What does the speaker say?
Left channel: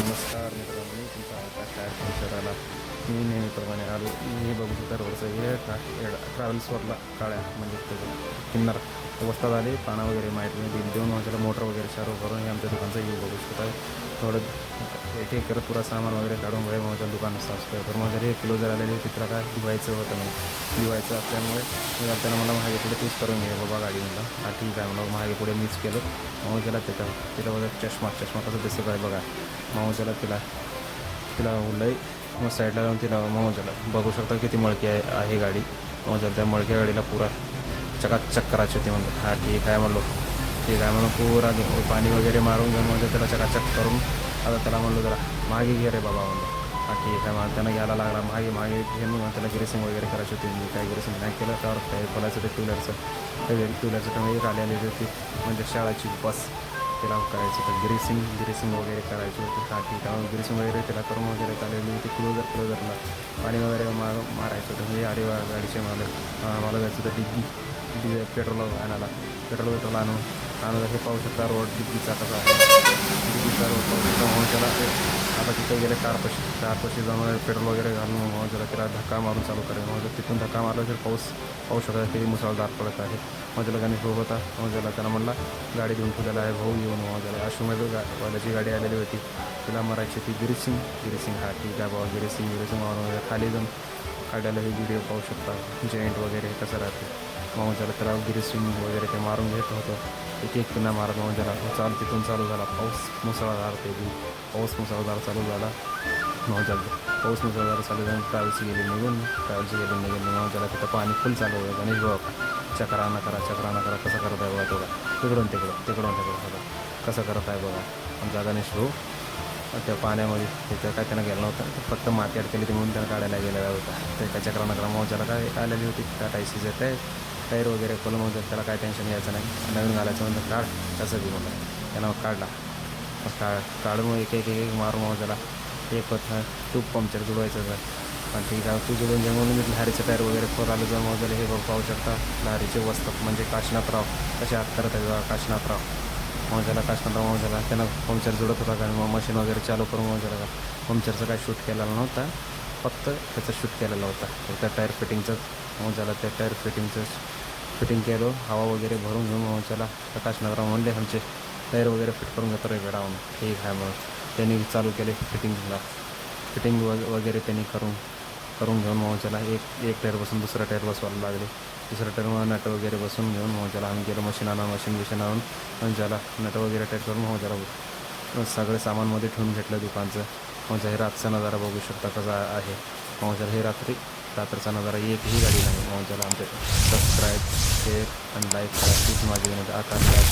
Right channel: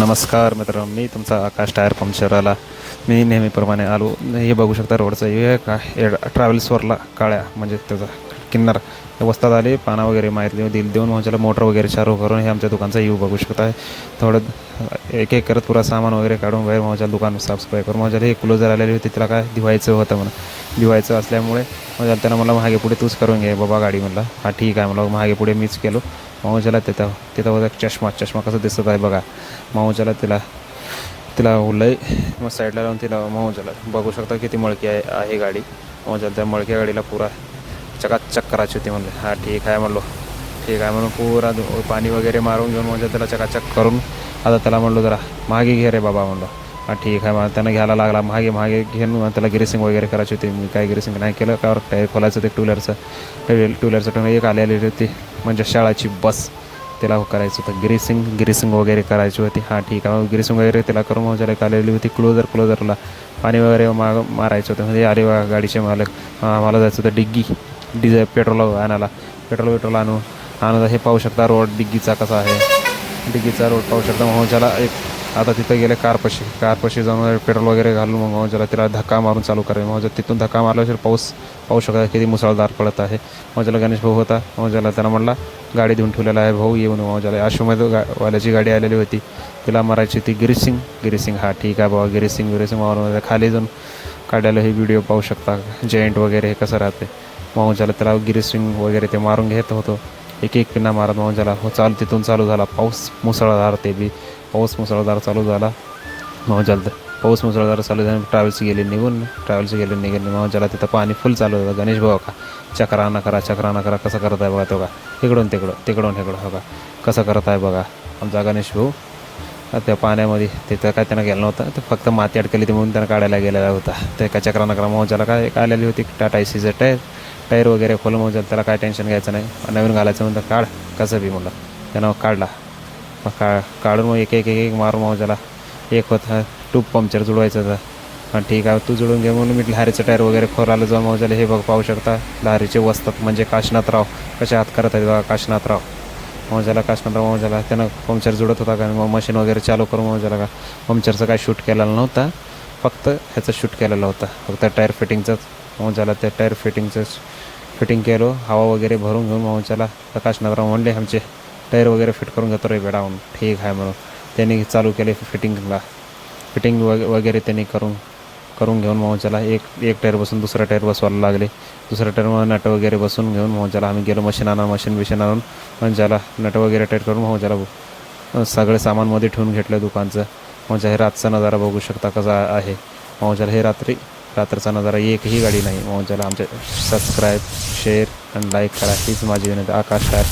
नमस्कार मित्रांनो, मी तुमचा आकाश टायर पंक्चरवाला. मी नेहमीप्रमाणे आलो. हे बघू शकता रोडचं हे का हे ट्रॅव्हल्सवरला काळ्या म्हणजे त्याचा किन्नर वस्तात आले. पाना वगैरे माहिती देऊन माझ्याला मोटर वगैरे चालू करून हे आमच्या दुकानचा येऊ बघू शकता. थोडं एक एक करत पुरा सामान वगैरे काढून बाहेर माझ्या दुकान साफसफाई करून माझ्याला हे क्लोजर आलेली होती. तिला काय दिवायचं होतं म्हणून दिवायचं असल्यामुळे माझ्या त्यानं मला मागे पुढे तूच करून घे बाबा गाडी. म्हणला हा ठीक आहे. मला मागे पुढे मीच केलो. मावजाला तिथं बघा चष्मा कसं दिसत आहे बघा. मावजाला तिला लय मग साईडला लावून तिला मावजाला बघू शकता किती मळकी आहे गाडी. मावजाला त्या मळक्या गाडीला पुरा चकाचक करायची होती. म्हणलं हा ठीक आहे. म्हणलो ठीक आहे म्हणून पुरा पाणी वगैरे मारून घेऊन म्हणजे त्याला चकाचक करून आता त्याला म्हणलो जरा मागे घे रे बाबा. म्हणलं हा ठीक आहे. मग त्यानं घ्यायला लागला मागे घेऊन त्याला ग्रेसिंग वगैरे करायची होती. मी काय ग्रेसिंग नाही केलं त्यावर टायर खोलायचं ते टू व्हीलरचं टोन एक आलेली होती म्हणजे शाळाची बस. त्याला करायचं होतं ग्रीसिंग वगैरे करायची होती. हां ठीक आहे. ग्रीसिंग वगैरे त्याला करून म्हणजे एक आलेली होती. क्लोजरला पाणी वगैरे मारायचं होतं. म्हणजे आले गाडीचे मालक मला जायचं होतं डिझेल पेट्रोल आणायला. पेट्रोल आणून हे पाहू शकता रोड डिग्गीचा कसा आहे. डिग्गीचा रोड पाहू शकता. मग एक आता तिथं गेले कारपाशी जाऊन पेट्रोल वगैरे घालून मग तिला धक्का मारून चालू करेल. मग तिथून धक्का मारल्याशिवाय पाऊस पाहू शकता किती मुसळधार पडत आहे. मग गणेश भाऊ होता. मग त्याला म्हणला गाडी देऊन ठेवलेला आहे भाऊ येऊन. मग आशुमध्ये वाल्याची गाडी आलेली होती. तिला मारायची होती ग्रीसिंग. हा ठीक आहे बाबा. ग्रीसिंग मारून खाली जाऊन काढायला हे व्हिडिओ पाहू शकता. जॉईंट वगैरे हे कसं राहते. मग त्याला ग्रीसिंग वगैरे ते मारून घेत होतो. एक पिन्ना मारत मग तिथून चालू झाला पाऊस मुसळधार. पाऊस मुसळधार चालू झाला. मग पाऊस मुसळधार चालू झाला. ट्रॅव्हल्स गेली निघून मग तिथं पाणी फुल चालू होतं. गणेश भाऊ का चक्राना करा कसं करत आहे बघा. तो का तिकडून बघा कसं करत आहे बघा आमचा गणेश भाऊ. त्या पाण्यामध्ये तिथं काय त्यानं गेलं नव्हतं. ते फक्त माती अडकली ती म्हणून त्यानं काढायला गेलेला होता. ते काय चक्राना करा. मग काय आलेली होती टाटा एसीचं टायर वगैरे खोलून. मग त्याला काय टेन्शन घ्यायचं नाही. नवीन घालायचं म्हणतं काढ कसं बी म्हणलं. त्यानं काढला. काढून मग एक मारून मग त्याला एक होतं ट्यूब पंक्चर जुळवायचं होतं. हां ठीक आहे तू जुळून घे म्हणून मी लहारीचं टायर वगैरे खोरायला जाऊन मग त्याला हे पाहू शकता. लहारीचे वस्तात म्हणजे काशीनाथराव कसे हात करत आहेत बघा. काशीनाथराव मग त्यानं पंक्चर जुळत होता का मग मशीन वगैरे चालू करून मग का पंक्चरचं काय शूट केलेलं नव्हतं. फक्त ह्याचं शूट केलेलं होतं फक्त टायर फिटिंगचंच. मग त्या टायर फिटिंग केलं हवा वगैरे भरून घेऊन. मग प्रकाशनगराव म्हणले आमचे टायर वगैरे फिट करून घेतो रे बेडावून. ठीक आहे म्हणून त्यांनी चालू केले फिटिंग वगैरे त्यांनी करून घेऊन. मग एक टायर बसून दुसरा टायर बसवायला लागले. दुसऱ्या टायरमध्ये नट वगैरे बसून घेऊन मग आम्ही गेलो मशीन आणून मग नट वगैरे टाईट करून मग सगळे सामानमध्ये ठेवून घेतलं दुकानचं. मग हे रातचा नजारा बघू शकता कसा आहे. मग हे रात्रचा नजारा एकही गाडी नाही. मग आमचे सबस्क्राईब शेअर आणि लाईक करा हीच माझी विनंती. आकाश टायर